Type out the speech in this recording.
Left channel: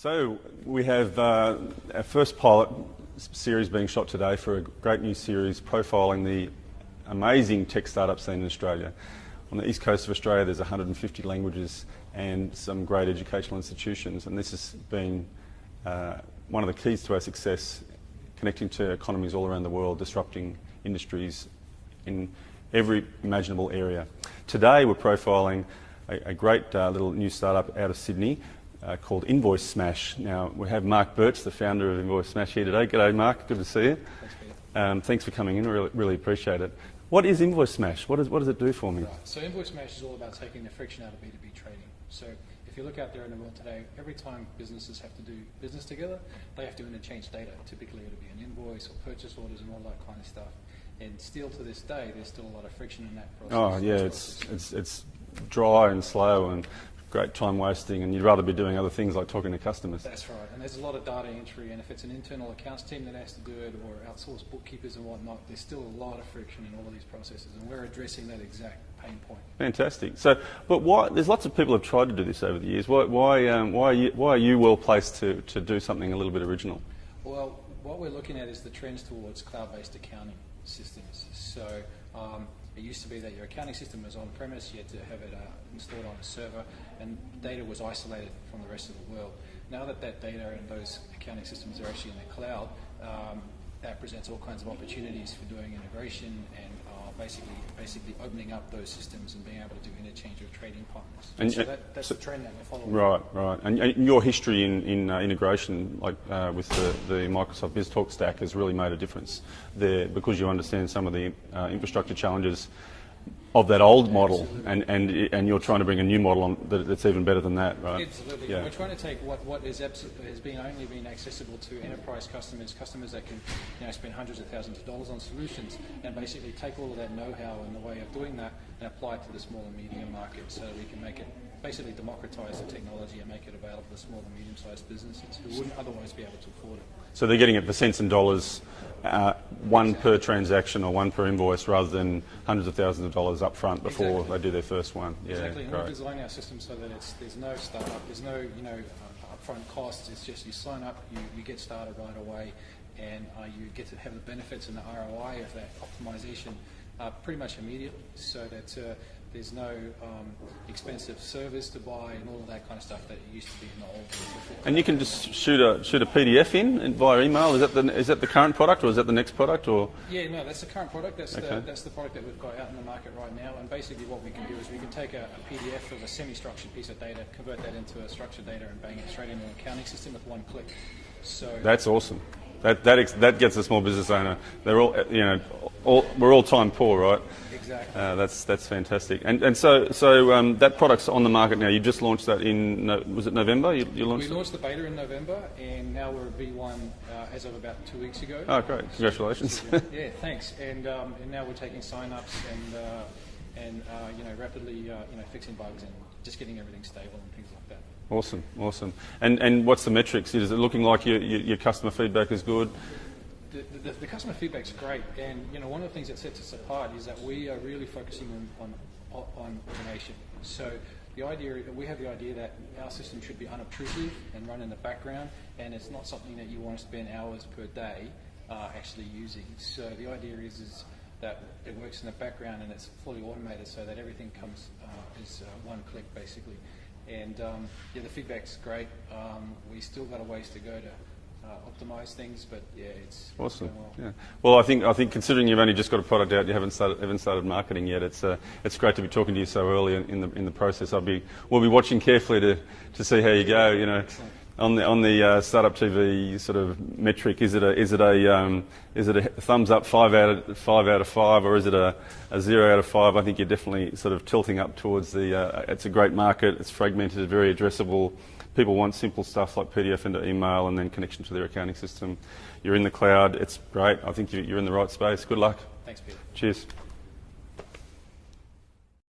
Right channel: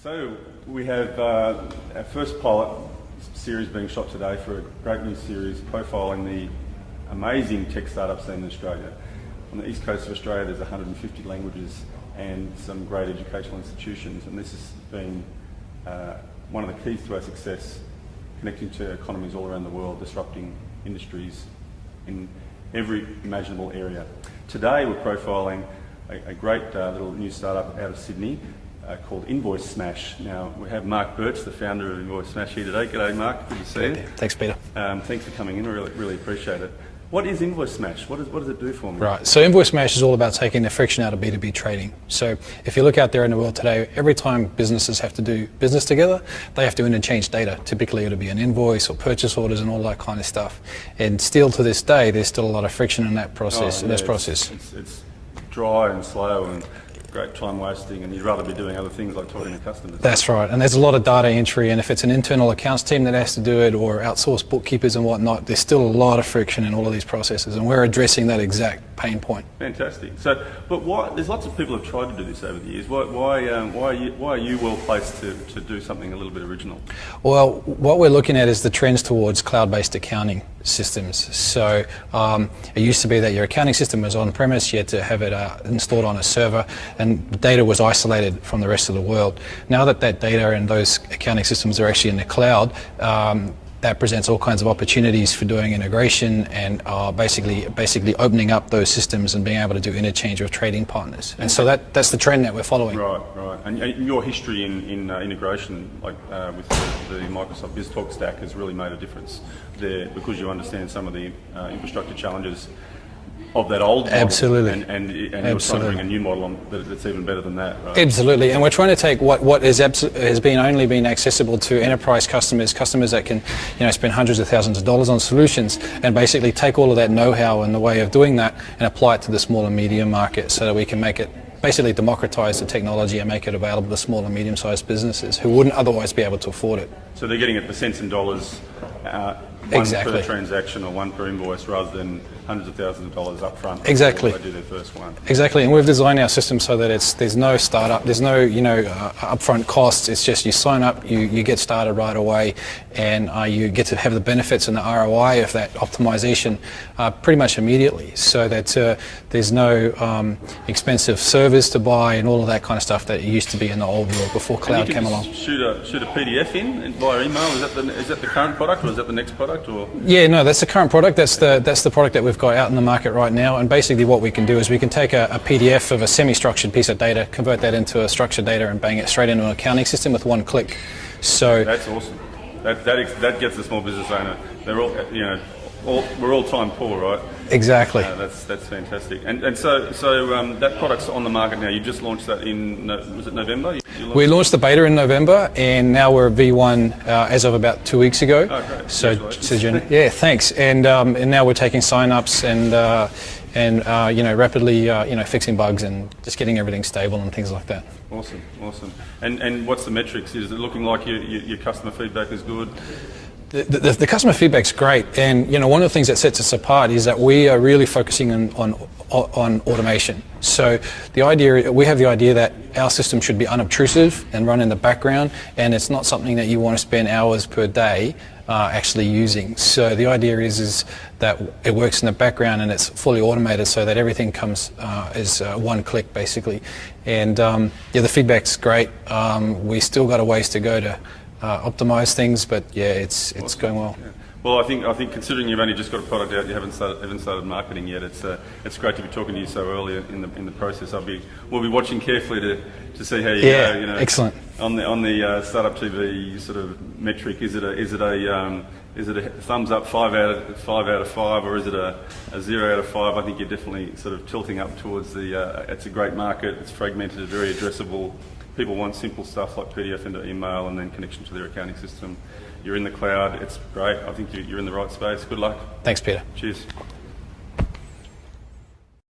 So we have our first pilot series being shot today for a great new series profiling the amazing tech startup scene in Australia. On the east coast of Australia there's 150 languages and some great educational institutions, and this has been one of the keys to our success, connecting to economies all around the world, disrupting industries in every imaginable area. Today we're profiling a great little new startup out of Sydney called InvoiceSmash. Now we have Mark Birch, the founder of InvoiceSmash, here today. G'day Mark, good to see you. Thanks Peter. Thanks for coming in, really appreciate it. What is InvoiceSmash? What does it do for me? Right, so InvoiceSmash is all about taking the friction out of B2B trading. So if you look out there in the world today, every time businesses have to do business together, they have to interchange data. Typically it'll be an invoice or purchase orders and all that kind of stuff. And still to this day, there's still a lot of friction in that process. It's dry and slow and great time wasting, and you'd rather be doing other things like talking to customers. That's right, and there's a lot of data entry, and if it's an internal accounts team that has to do it or outsourced bookkeepers and whatnot, there's still a lot of friction in all of these processes, and we're addressing that exact pain point. Fantastic. So, but why? There's lots of people have tried to do this over the years. Why are you well placed to do something a little bit original? Well, what we're looking at is the trends towards cloud-based accounting systems. So it used to be that your accounting system was on premise, you had to have it installed on a server, and data was isolated from the rest of the world. Now that data and those accounting systems are actually in the cloud, that presents all kinds of opportunities for doing integration and basically opening up those systems and being able to do interchange with trading partners. And so that's the trend that we're following. Right. And your history in integration, like with the Microsoft BizTalk stack, has really made a difference there, because you understand some of the infrastructure challenges of that old model. Absolutely. And you're trying to bring a new model on that's even better than that, right? Absolutely, and we're trying to take what has only been accessible to enterprise customers that can spend hundreds of thousands of dollars on solutions, and basically take all of that know-how and the way of doing that and apply it to the small and medium market, so that we can make it basically democratize the technology and make it available to small and medium-sized businesses who wouldn't otherwise be able to afford it. So they're getting it for cents and dollars, one per transaction or one per invoice, rather than hundreds of thousands of dollars up front before they do their first one. Exactly, and we've designed our system so that there's no startup, there's no upfront costs. It's just you sign up, you get started right away, and you get to have the benefits and the ROI of that optimization pretty much immediately. So that there's no expensive servers to buy and all of that kind of stuff that used to be in the old world before cloud came along. Shoot a PDF in via email. Is that the current product, or is that the next product? Or yeah, no, that's the current product. That's the product that we've got out in the market right now. And basically what we can do is we can take a PDF of a semi-structured piece of data, convert that into a structured data, and bang it straight into an accounting system with one click. So that's awesome. That gets the small business owner. They're all we're all time poor, right? Exactly. That's fantastic. And so that product's on the market now. You just launched that was it November? We launched the beta in November, and now we're V1 as of about 2 weeks ago. Oh, great. So yeah, thanks. And now we're taking sign-ups and rapidly fixing bugs and just getting everything stable and things like that. Awesome. And what's the metrics? Is it looking like your customer feedback is good? The customer feedback's great, and one of the things that sets us apart is that we are really focusing on automation. So we have the idea that our system should be unobtrusive and run in the background, and it's not something that you want to spend hours per day actually using. So the idea is that it works in the background and it's fully automated, so that everything comes as one click basically. And the feedback's great. We still got a ways to go to optimize things, but yeah, it's awesome. Going well. Yeah. Well, I think considering you've only just got a product out, you haven't started marketing yet. It's great to be talking to you so early in the process. We'll be watching carefully to see how you go. Excellent. On the Startup TV sort of metric, is it a thumbs up 5 out of 5, or is it a 0 out of 5? I think you're definitely sort of tilting up towards it's a great market. It's fragmented, it's very addressable. People want simple stuff like PDF into email and then connection to their accounting system. You're in the cloud. It's great. I think you're in the right space. Good luck. Thanks, Peter. Cheers.